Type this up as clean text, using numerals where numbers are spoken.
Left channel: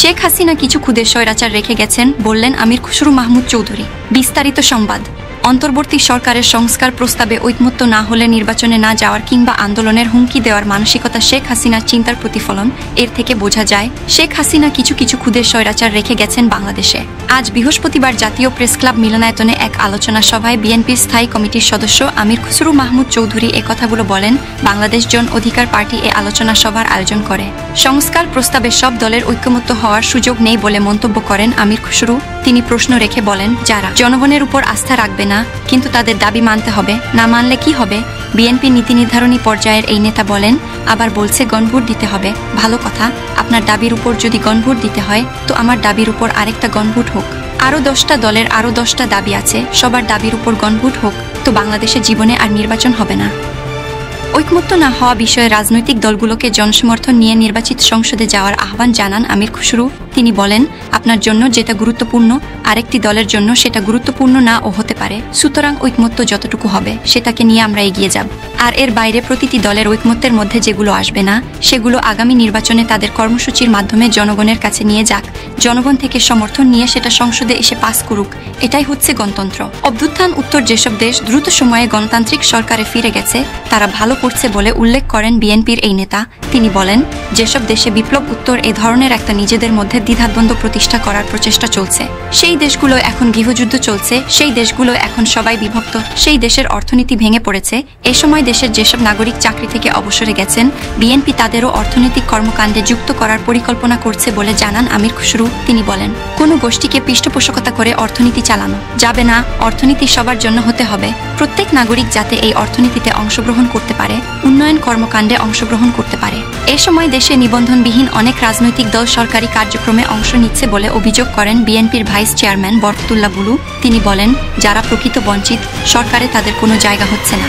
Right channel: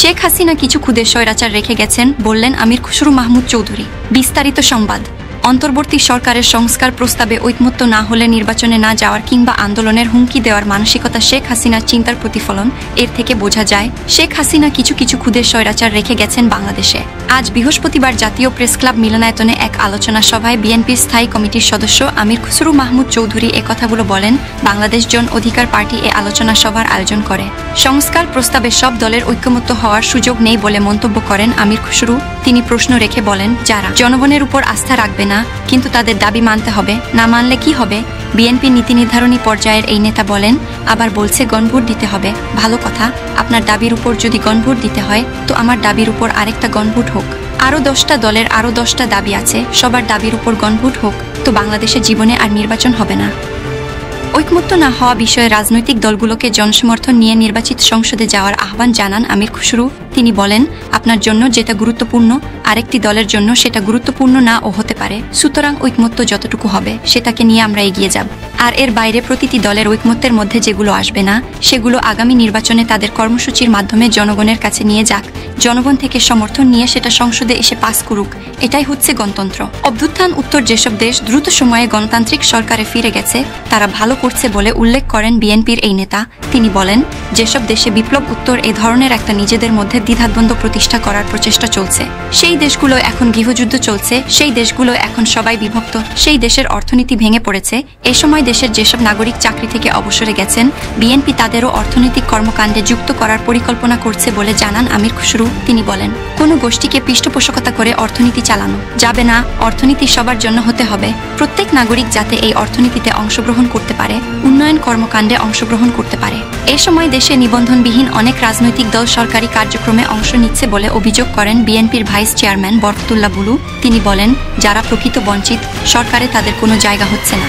শেখ হাসিনা কিছু খুদে স্বৈরাচার রেখে গেছেন, বললেন আমির খুসরু মাহমুদ চৌধুরী। বিস্তারিত সংবাদ। অন্তর্বর্তী সরকারের সংস্কার প্রস্তাবে ঐকমত্য না হলে নির্বাচনে না যাওয়ার কিংবা আন্দোলনের হুমকি দেওয়ার মানসিকতা শেখ হাসিনার চিন্তার প্রতিফলন। এর থেকে বোঝা যায় শেখ হাসিনা কিছু খুদে স্বৈরাচার রেখে গেছেন বাংলাদেশে। আজ বৃহস্পতিবার জাতীয় প্রেস ক্লাব মিলনায়তনে এক আলোচনা সভায় বিএনপির স্থায়ী কমিটির সদস্য আমির খুসরু মাহমুদ চৌধুরী একথাগুলো বলেন। বাংলাদেশ জন অধিকার পার্টি এ আলোচনা সভার আয়োজন করে। সংস্কার প্রস্তাবে সব দলের ঐক্যমত্য হওয়ার সুযোগ নেই বলে মন্তব্য করেন আমির খুসরু। তিনি প্রশ্ন রেখে বলেন, যারা জনগণের উপর আস্থা রাখবে না কিন্তু তাদের দাবি মানতে হবে, না মানলে কি হবে? বিএনপি নীতি নির্ধারণী পর্যায়ের এই নেতা বলেন, আবার বলছে গণভোট দিতে হবে। ভালো কথা, আপনার দাবির উপর যদি গণভোট দিতে হয় তো আমার দাবির উপর আরেকটা গণভোট হোক। আরো 10টা দলের আরো 10টা দাবি আছে, সবার দাবির উপর গণভোট হোক, তো বাংলাদেশের জীবনে আর নির্বাচন হবে না। ঐকমত্য না হওয়া বিষয়ে রাজনৈতিক দলগুলোকে জনসমর্থন নিয়ে নির্বাচিত সংসদে যাওয়ার আহ্বান জানান আমির খুসরু। তিনি বলেন, আপনার জন্য যেটা গুরুত্বপূর্ণ আরেকটি দলের জন্য সেটা গুরুত্বপূর্ণ না ও হতে পারে, সুতরাং ঐকমত্য যতটুকু হবে সেটাকে নিয়ে আমরা এগিয়ে যাব। আর এর বাইরে প্রতিটি দলের ঐকমত্যের মধ্যে যেগুলো আসবে না সেগুলো আগামী নির্বাচনে তাদের কর্মসূচির মাধ্যমে জনগণের কাছে নিয়ে যাক। জনগণ থেকে সমর্থন নিয়ে সেটা সংসদে এসে পাস করুক, এটাই হচ্ছে গণতন্ত্র। অভ্যুত্থান উত্তর যেসব দেশ দ্রুত সময়ে গণতান্ত্রিক সরকারে ফিরে গেছে তারা ভালো করছে বলে উল্লেখ করেন বিএনপির এই নেতা। তিনি বলেন, যেসব দেশে বিপ্লব উত্তর এ ধরনের একটা নিজেদের মধ্যে দ্বিধাদ্বন্দ্ব প্রতিষ্ঠা করার প্রচেষ্টা চলছে, সেই দেশগুলো এখন গৃহযুদ্ধ চলছে, সেই দেশগুলো এখন সবাই বিভক্ত, সেই দেশের অর্থনীতি ভেঙে পড়েছে। এই সময় দেশের যেসব নাগরিক চাকরি থেকে অবসরে গেছেন বিএনপি তাদেরও অর্থনৈতিক কর্মকাণ্ডে যুক্ত করার পরিকল্পনা করছে বলে জানান আমির খুসরু। তিনি বলেন, কোন গোষ্ঠীকে পৃষ্ঠপোষকতা করে অর্থনীতি চালানো যাবে না, অর্থনীতি সবার জন্য হতে হবে। প্রত্যেক নাগরিক যাতে এই অর্থনীতিতে অংশগ্রহণ করতে পারে, উন্নয়ন কর্মকাণ্ডে অংশগ্রহণ করতে পারে। এ সময় দেশে নিবন্ধনবিহীন অনেক রাজনৈতিক দল সরকারি কার্যক্রমে অংশ নিচ্ছে বলে অভিযোগ করেন বিএনপির ভাইস চেয়ারম্যান বরকতুল্লাহ বুলু। তিনি বলেন, যারা প্রকৃত বঞ্চিত, সরকারে তাদের কোনো জায়গা হচ্ছে না।